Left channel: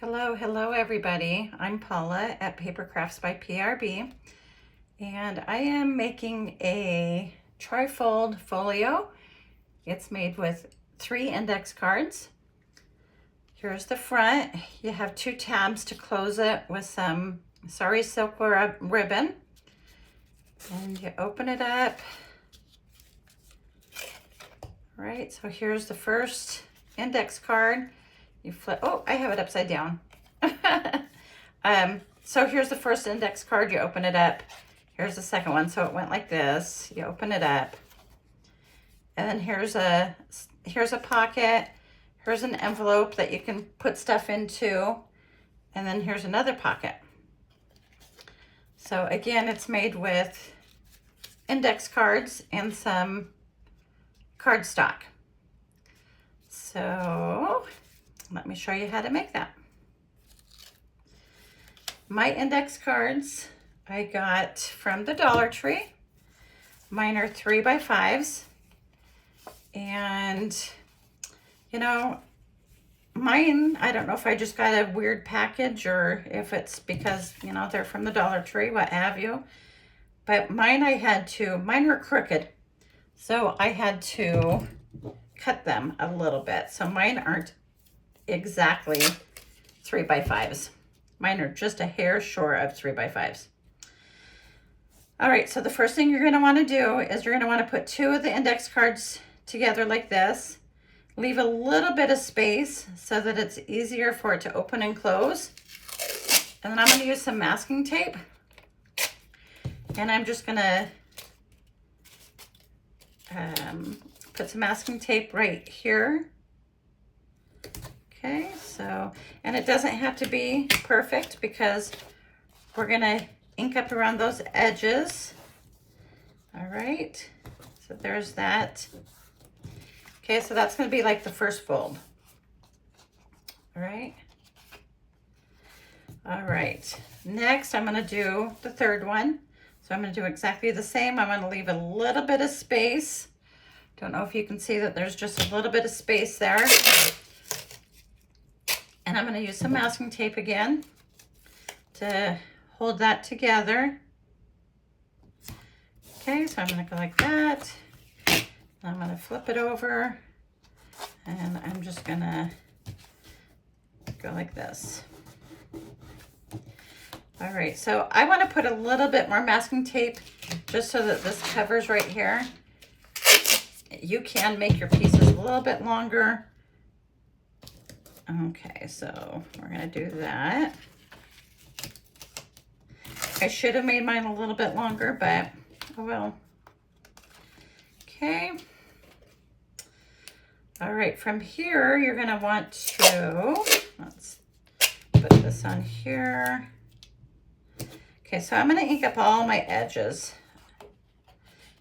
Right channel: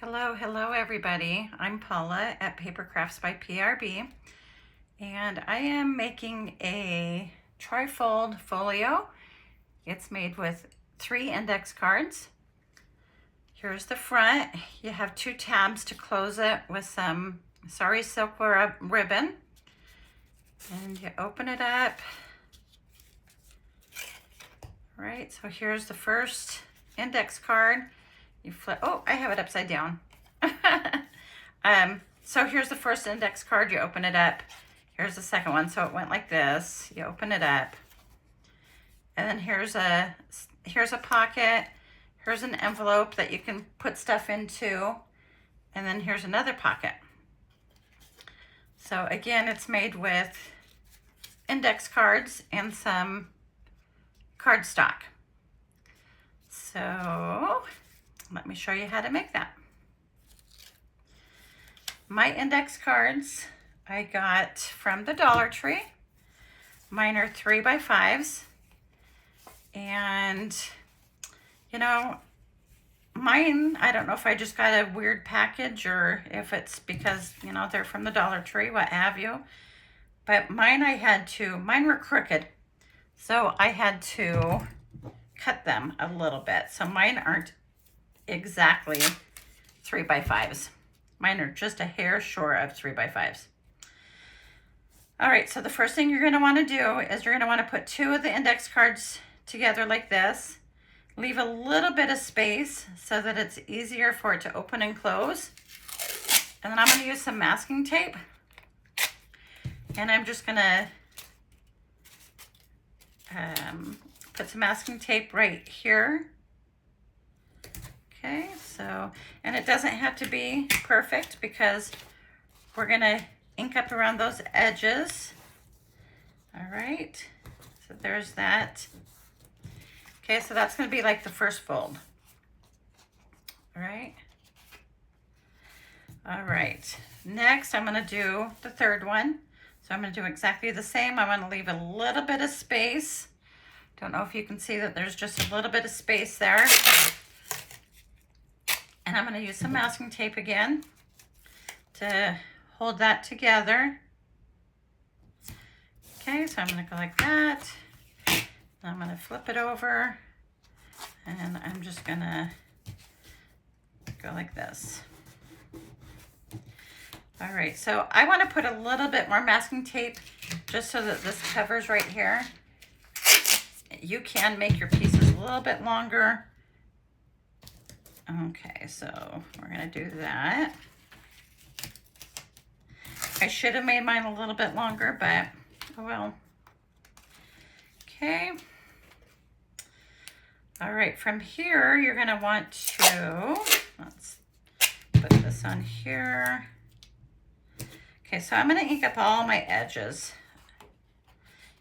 Hello everybody. I'm Paula at Paper Crafts by PRB, and I am making a trifold folio. It's made with 3 index cards. Here's the front. You have 2 tabs to close it with some sari silk ribbon, and you open it up. All right, so here's the first index card. You flip, oh, I have it upside down. So here's the first index card, you open it up. Here's the second one, so it went like this. You open it up. And then here's a pocket. Here's an envelope that you can put stuff into. And then here's another pocket. So again, it's made with index cards and some cardstock. So let me show you how to make that. My index cards I got from the Dollar Tree. Mine are 3x5s. And, you know, mine, I don't know if I just got a weird package or if it's because, you know, they're from the Dollar Tree, what have you. But mine mine were crooked. So I had to cut them a little bit. So mine aren't exactly 3x5s. Mine are just a hair short of 3x5s. All right, so the first thing you're gonna wanna do is you're gonna wanna put 2 of the index cards together like this. Leave a little bit of space so that it's easier for it to open and close. And then I'm gonna use some masking tape. And I'm just gonna put some masking tape right here. Okay, so, and it doesn't have to be perfect because we're gonna ink up around those edges. All right, so there's that. Okay, so that's gonna be like the first fold. All right. All right, next I'm gonna do the third one. So I'm gonna do exactly the same. I'm gonna leave a little bit of space. Don't know if you can see that there's just a little bit of space there. And I'm gonna use some masking tape again to hold that together. Okay, so I'm gonna go like that. I'm gonna flip it over and I'm just gonna go like this. All right, so I wanna put a little bit more masking tape just so that this covers right here. You can make your pieces a little bit longer. Okay, so we're gonna do that. I should have made mine a little bit longer, but oh well. Okay. All right, from here, you're gonna want to, let's put this on here. Okay, so I'm gonna ink up all my edges.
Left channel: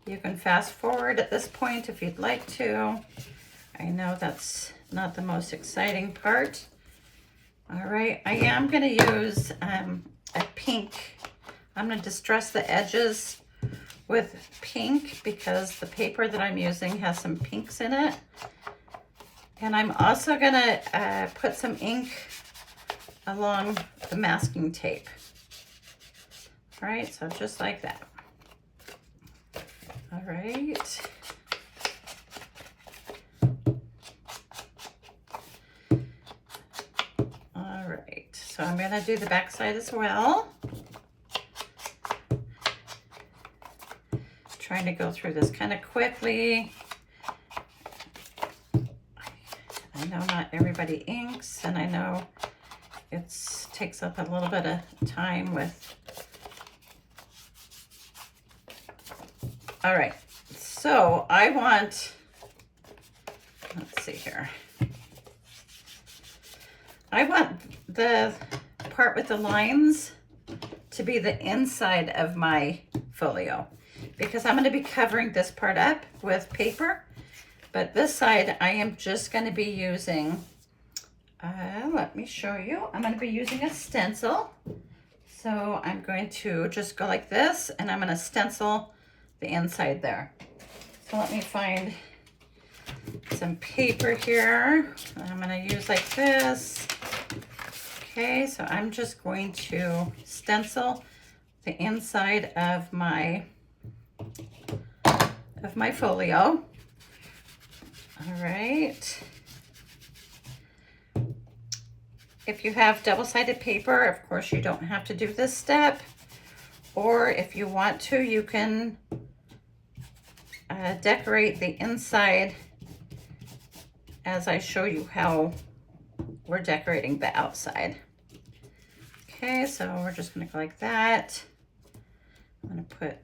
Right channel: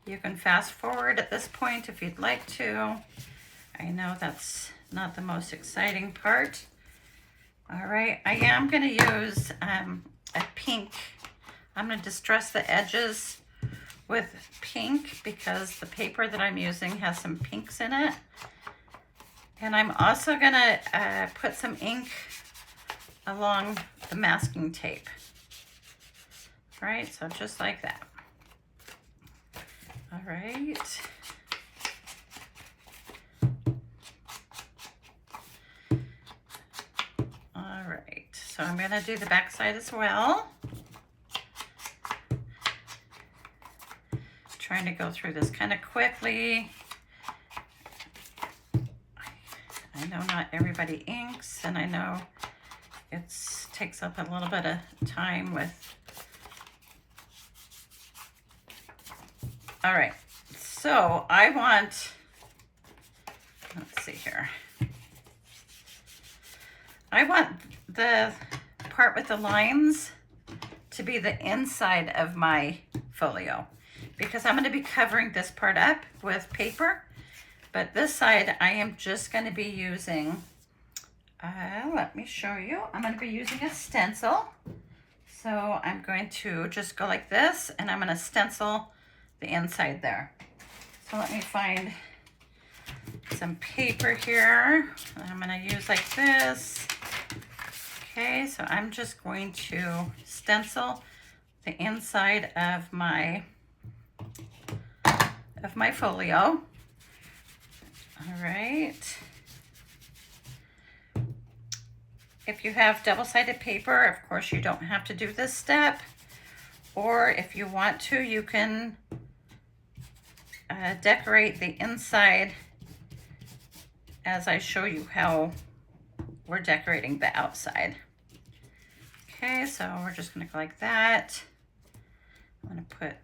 You can fast forward at this point if you'd like to. I know that's not the most exciting part. All right, I am gonna use a pink. I'm gonna distress the edges with pink because the paper that I'm using has some pinks in it. And I'm also gonna put some ink along the masking tape. All right, so just like that. All right. All right, so I'm gonna do the back side as well. Trying to go through this kind of quickly. I know not everybody inks, and I know it takes up a little bit of time with. All right, so I want, let's see here. I want the part with the lines to be the inside of my folio because I'm going to be covering this part up with paper, but this side I am just going to be using, let me show you, I'm going to be using a stencil. So I'm going to just go like this and I'm going to stencil the inside there. So let me find some paper here. I'm going to use like this. Okay, so I'm just going to stencil the inside of my folio. All right. If you have double-sided paper, of course you don't have to do this step. Or if you want to, you can decorate the inside as I show you how we're decorating the outside. Okay, so we're just gonna go like that. I'm gonna put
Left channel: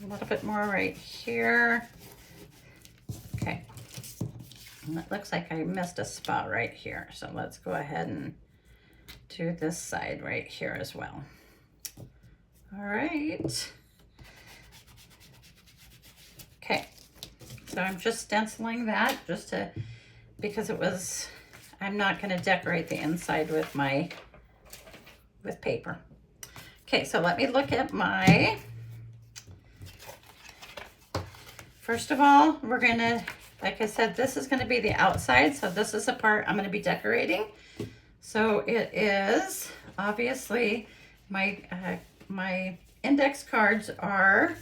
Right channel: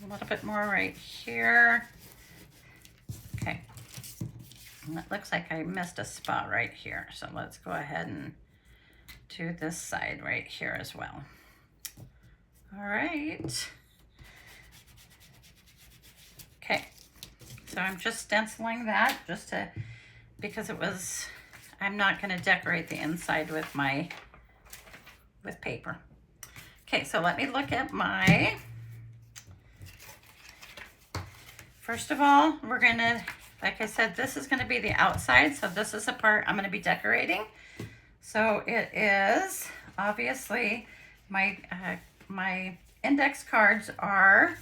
a little bit more right here. Okay, and it looks like I missed a spot right here. So let's go ahead and do this side right here as well. All right. Okay, so I'm just stenciling that just to, because I'm not gonna decorate the inside with paper. Okay, so let me look at my, first of all, we're gonna, like I said, this is gonna be the outside, so this is the part I'm gonna be decorating. So it is, obviously, my index cards are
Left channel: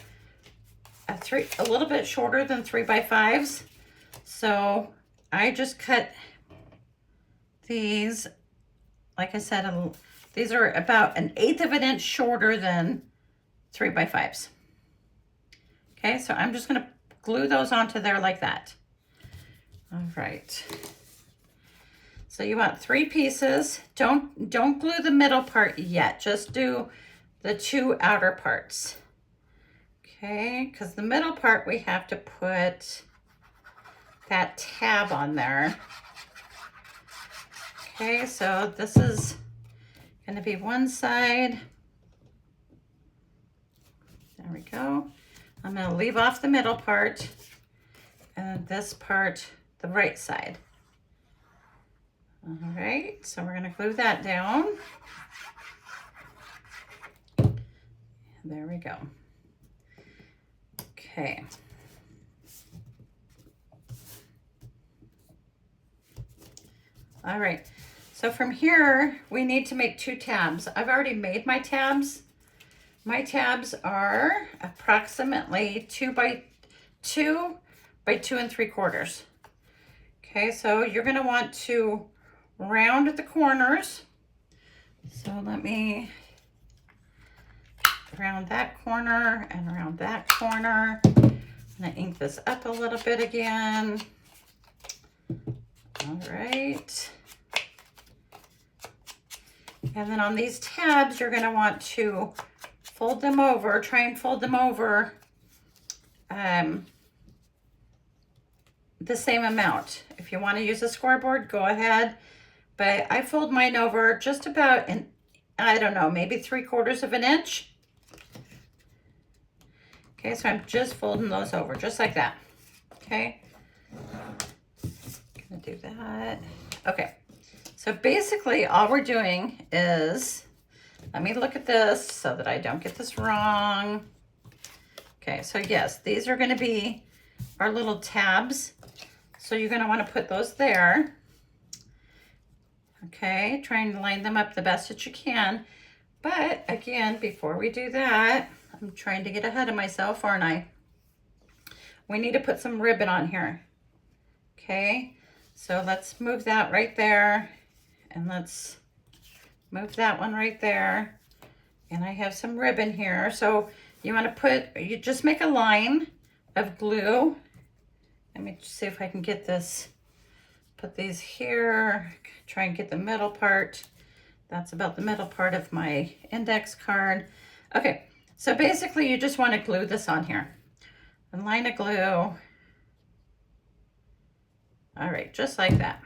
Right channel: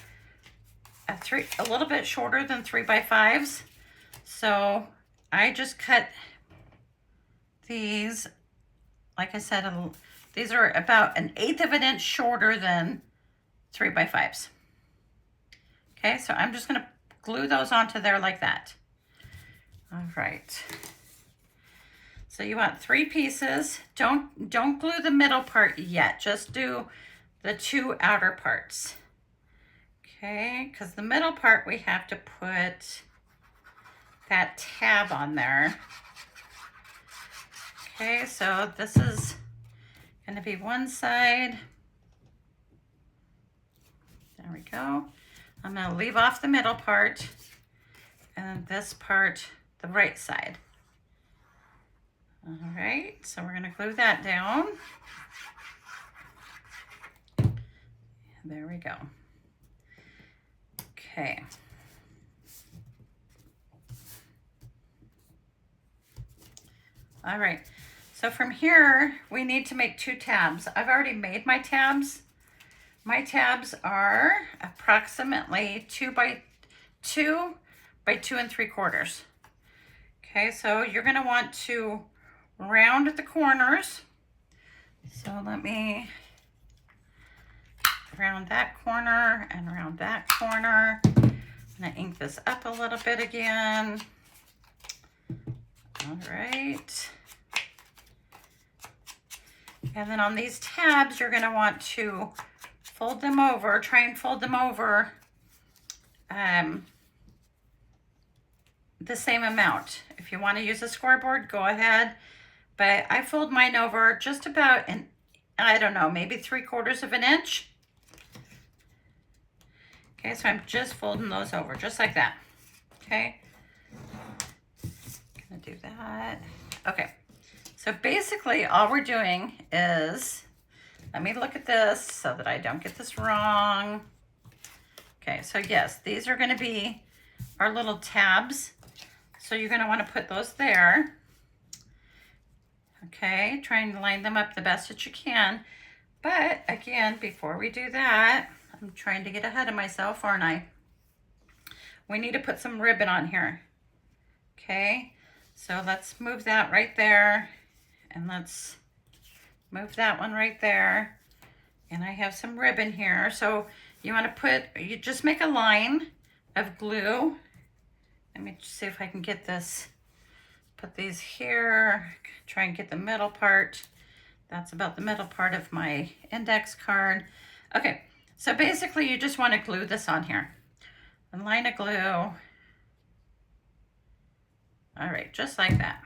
a little bit shorter than 3x5s. So I just cut these, like I said, these are about 1/8 of an inch shorter than 3x5s. Okay, so I'm just gonna glue those onto there like that. All right. So you want 3 pieces. Don't glue the middle part yet. Just do the 2 outer parts. Okay, because the middle part we have to put that tab on there. Okay, so this is going to be one side. There we go. I'm going to leave off the middle part and this part, the right side. All right, so we're going to glue that down. There we go. Okay. All right, so from here, we need to make 2 tabs. I've already made my tabs. My tabs are approximately 2 by 2 by 2 3/4. Okay, so you're gonna want to round the corners. So let me round that corner and round that corner. I'm gonna ink this up a little bit again. All right. And then on these tabs, you're gonna want to fold them over, try and fold them over the same amount. If you want to use a scoreboard, go ahead. But I fold mine over just about I don't know, maybe 3/4 of an inch. Okay, so I'm just folding those over just like that. Okay, gonna do that. Okay, so basically all we're doing is, let me look at this so that I don't get this wrong. Okay, so yes, these are gonna be our little tabs. So you're gonna wanna put those there. Okay, try and line them up the best that you can. But again, before we do that, I'm trying to get ahead of myself, aren't I? We need to put some ribbon on here. Okay, so let's move that right there. And let's move that one right there. And I have some ribbon here. So you want to you just make a line of glue. Let me see if I can get this, put these here, try and get the middle part. That's about the middle part of my index card. Okay, so basically you just want to glue this on here. A line of glue. All right, just like that.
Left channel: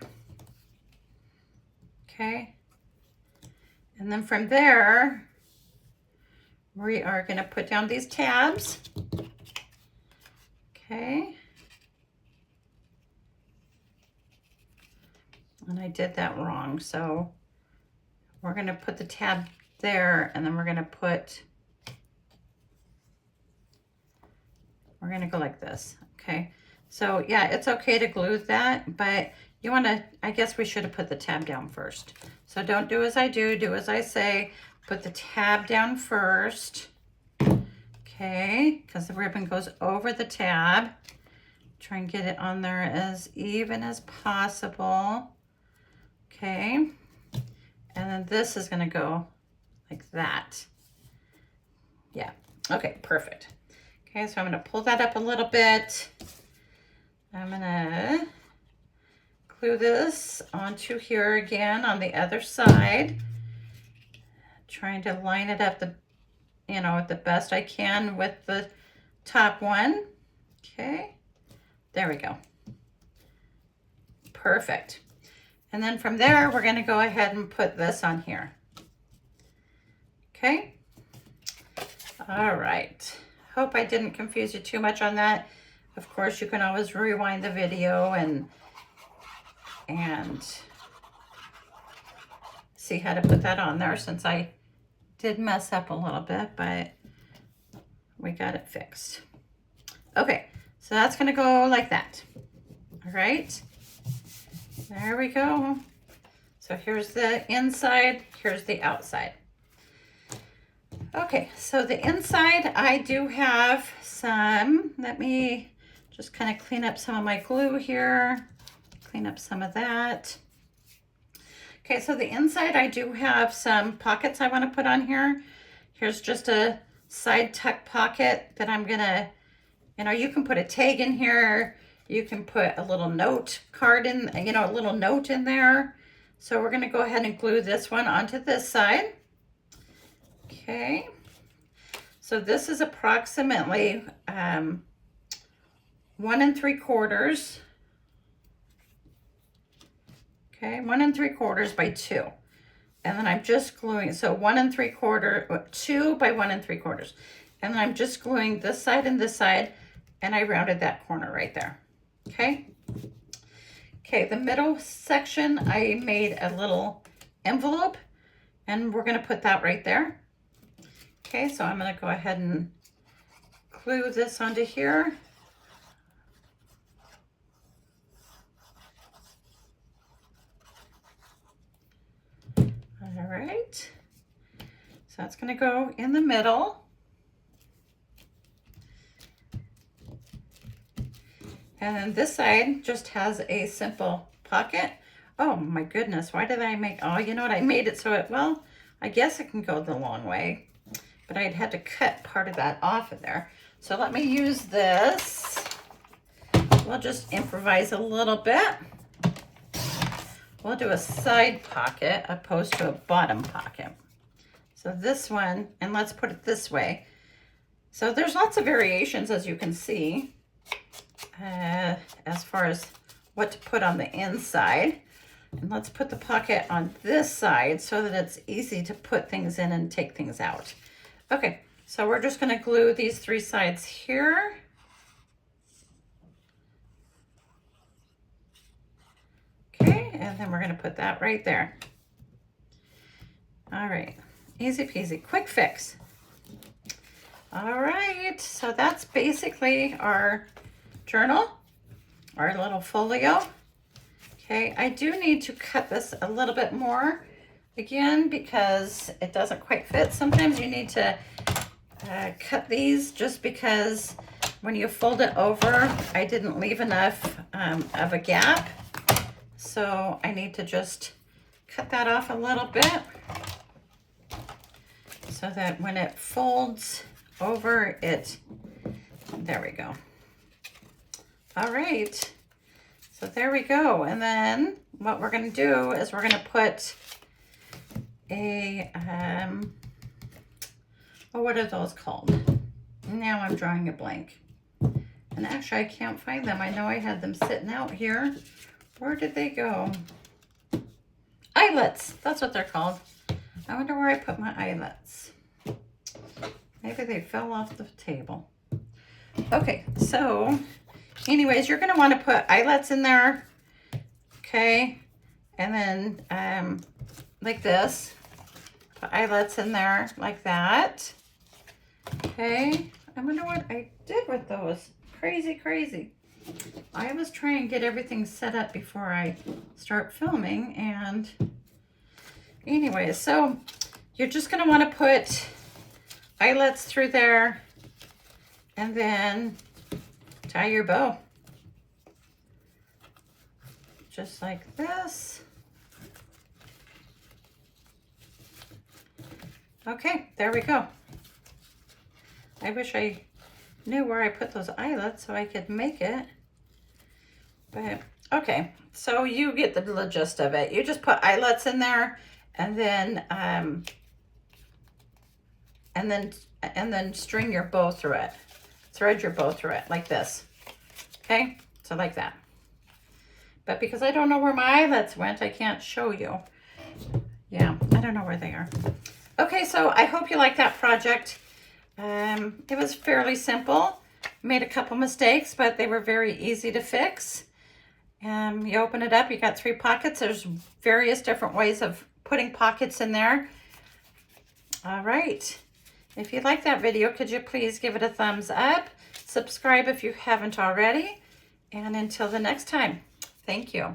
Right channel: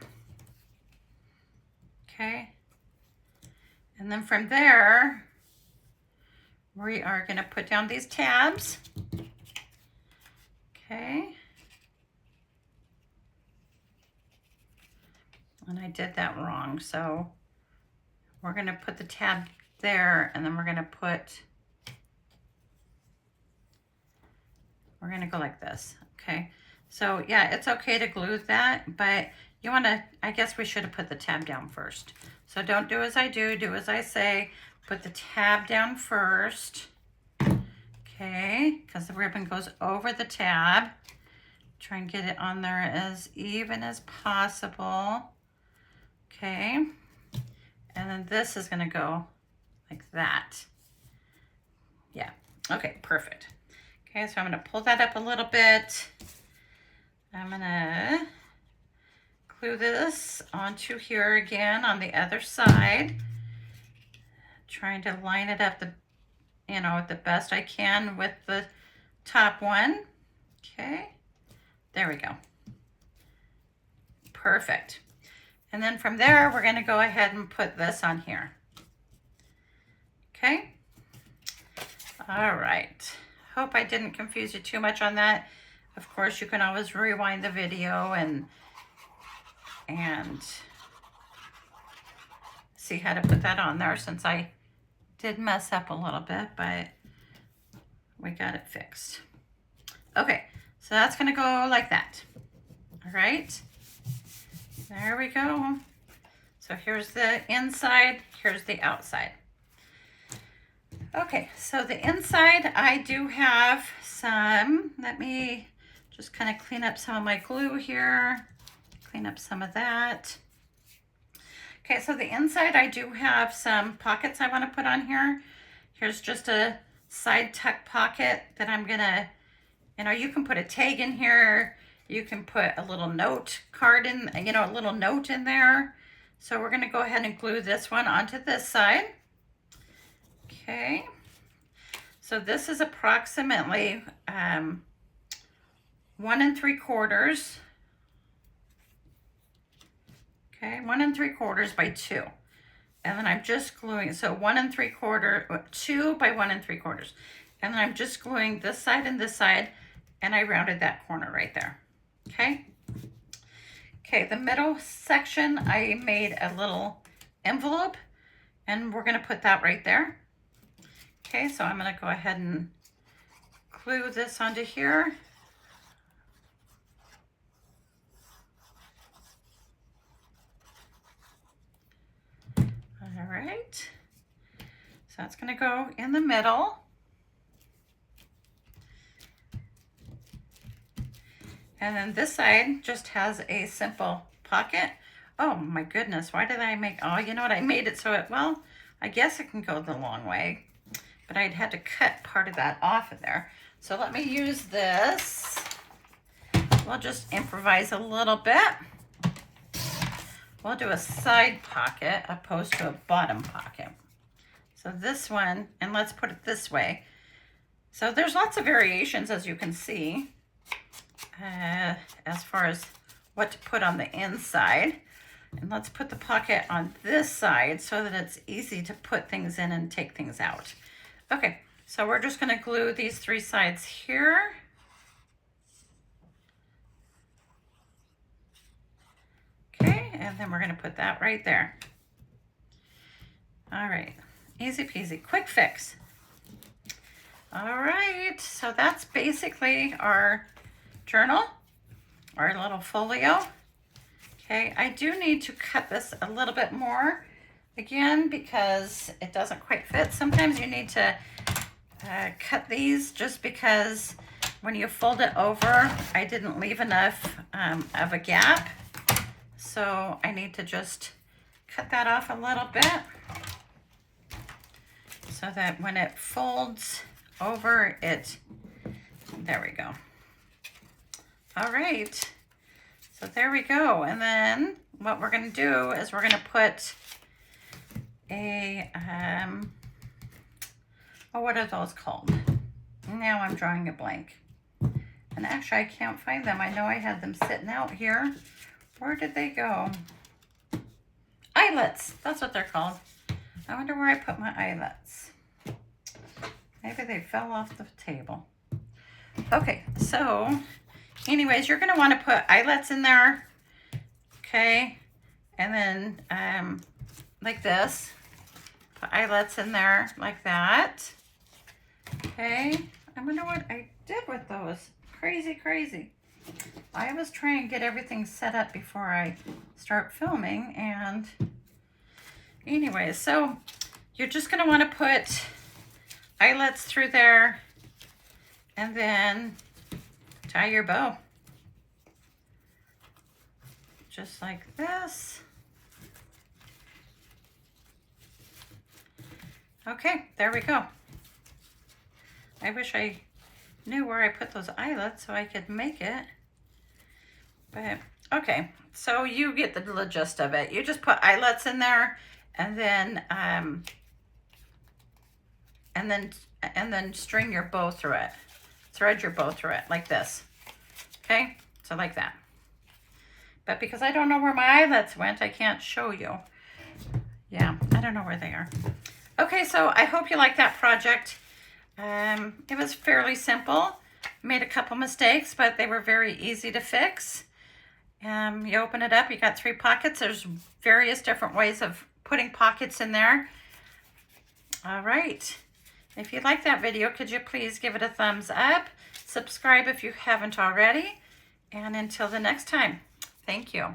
Okay. And then from there, we are going to put down these tabs. Okay. And I did that wrong. So we're going to put the tab there, and then we're going to go like this. Okay. So yeah, it's okay to glue that, but you want to, I guess we should have put the tab down first. So don't do as I do as I say. Put the tab down first. Okay, because the ribbon goes over the tab. Try and get it on there as even as possible. Okay, and then this is gonna go like that. Yeah, okay, perfect. Okay, so I'm gonna pull that up a little bit. I'm gonna glue this onto here again on the other side. Trying to line it up the best I can with the top one. Okay, there we go. Perfect. And then from there, we're gonna go ahead and put this on here. Okay. All right. Hope I didn't confuse you too much on that. Of course, you can always rewind the video and see how to put that on there, since I did mess up a little bit, but we got it fixed. Okay, so that's gonna go like that. All right, there we go. So here's the inside, here's the outside. Okay, so the inside, I do have some, let me just kind of clean up some of my glue here, clean up some of that. Okay, so the inside, I do have some pockets I want to put on here. Here's just a side tuck pocket that I'm gonna, you can put a tag in here. You can put a little note card in, a little note in there. So we're gonna go ahead and glue this one onto this side. Okay, so this is approximately 1 3/4. Okay, 1 3/4 by 2. And then I'm just gluing, so 1 3/4, 2 by 1 3/4. And then I'm just gluing this side and this side, and I rounded that corner right there. Okay. Okay, the middle section, I made a little envelope, and we're gonna put that right there. Okay, so I'm gonna go ahead and glue this onto here. All right, so that's gonna go in the middle. And then this side just has a simple pocket. Oh my goodness, why did I make, oh, you know what, I made it so it, well, I guess it can go the long way, but I'd had to cut part of that off of there. So let me use this. We'll just improvise a little bit. We'll do a side pocket opposed to a bottom pocket. So this one, and let's put it this way. So there's lots of variations, as you can see, as far as what to put on the inside. And let's put the pocket on this side so that it's easy to put things in and take things out. Okay, so we're just gonna glue these 3 sides here. Okay, and then we're gonna put that right there. All right, easy peasy, quick fix. All right, so that's basically our journal, our little folio. Okay, I do need to cut this a little bit more again because it doesn't quite fit. Sometimes you need to cut these just because when you fold it over, I didn't leave enough of a gap. So I need to just cut that off a little bit so that when it folds over it, there we go. All right, so there we go. And then what we're gonna do is we're gonna put a, oh, what are those called? Now I'm drawing a blank. And actually I can't find them. I know I had them sitting out here. Where did they go? Eyelets, that's what they're called. I wonder where I put my eyelets. Maybe they fell off the table. Okay, so anyways, you're gonna wanna put eyelets in there, okay? And then like this, put eyelets in there like that, okay? I wonder what I did with those. Crazy, crazy. I was trying to get everything set up before I start filming, and anyway, so you're just going to want to put eyelets through there and then tie your bow. Just like this. Okay, there we go. I wish I knew where I put those eyelets so I could make it. But okay, so you get the gist of it. You just put eyelets in there, and then string your bow through it. Thread your bow through it like this. Okay, so like that. But because I don't know where my eyelets went, I can't show you. Yeah, I don't know where they are. Okay, so I hope you like that project. It was fairly simple. Made a couple mistakes, but they were very easy to fix. You open it up, you got 3 pockets. There's various different ways of putting pockets in there. All right. If you like that video, could you please give it a thumbs up? Subscribe if you haven't already. And until the next time, thank you.